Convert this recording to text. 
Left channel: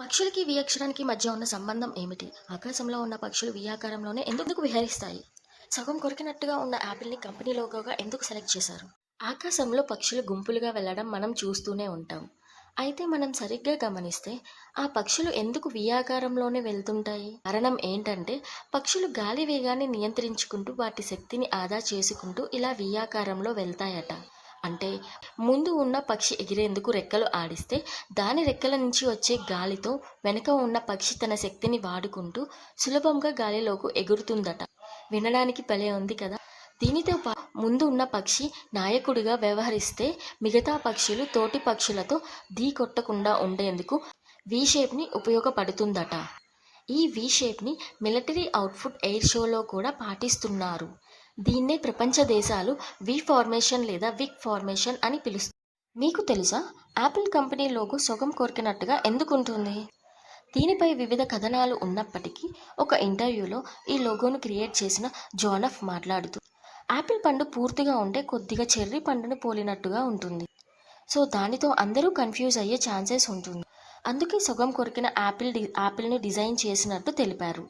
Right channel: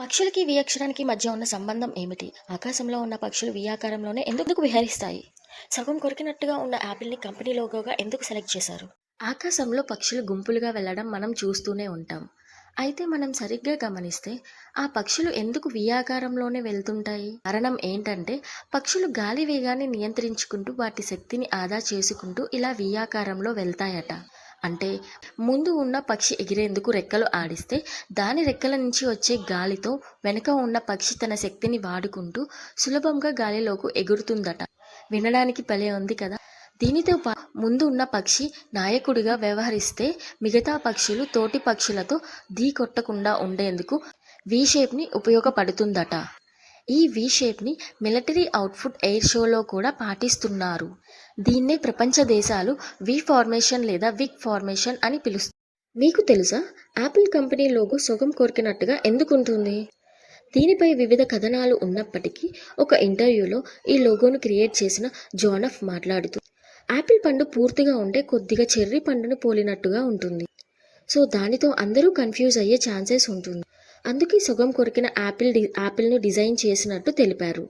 పక్షులకి వి అక్షరానికి మధ్య ఉన్న సంబంధం ఏమిటి? ఆకాశంలో ఉన్న పక్షులు వి ఆకారంలోనే ఎందుకు విహరిస్తాయి? సగం కొరికినట్టుగా ఉన్న యాపిల్‌ని కంపెనీ లోగోగా ఎందుకు సెలెక్ట్ చేశారు? ఆకాశంలో పక్షులు గుంపులుగా వెళ్ళడం మనం చూస్తూనే ఉంటాం. అయితే మనం సరిగ్గా గమనిస్తే ఆ పక్షులు ఎందుకు వి ఆకారంలోనే వెళ్తుంటాయి? కారణం ఏంటంటే పక్షులు గాలి వేగాన్ని నియంత్రించుకుంటూ వాటి శక్తిని ఆదా చేసుకుంటూ ఇలా వి ఆకారంలో వెళ్తాయట. అంటే ముందు ఉన్న పక్షి ఎగిరేందుకు రెక్కలు ఆడిస్తే దాని రెక్కల నుంచి వచ్చే గాలితో వెనుక ఉన్న పక్షి తన శక్తిని వాడుకుంటూ సులభంగా గాలిలోకి ఎగురుతుందట. వినడానికి భలే ఉంది కదా! దీనితో ముందు ఉన్న పక్షి నాయకుడిగా వ్యవహరిస్తే మిగతా పక్షులు తోటి పక్షులతో ఢీకొట్టకుండా ఉండేందుకు వి షేప్ని ఉపయోగపడుతుందట. ఈ వి షేప్ని మిలిటరీ అవుట్ఫుట్ ఎయిర్ షోలో కూడా పాటిస్తున్నారు. దీన్నే ప్రపంచ దేశాలు వి ఫార్మేషన్ లేదా విగ్ ఫార్మేషన్ అని పిలుస్తాయి. మీకు తెలుసా యాపిల్ కంపెనీ లోగో సొగం కొరికినట్టుగా ఎందుకుంటుంది? దీనిపై వివిధ కథనాలు ఉన్నప్పటికీ ఒక ఇంటర్వ్యూలో ఈ లోగోను క్రియేట్ చేసిన జానఫ్ మాట్లాడుతూ యాపిల్ పండు పూర్తిగా ఉంటే కొద్దిగా చెర్రీ పండును పోలినట్టుగా ఉంటుంది. సో దానితో అందరూ కన్ఫ్యూజ్ అయ్యే ఛాన్సెస్ ఉంటుంది. అందుకే సొగం కొరికిన యాపిల్ను డిజైన్ చేసినట్టు తెలిపారు.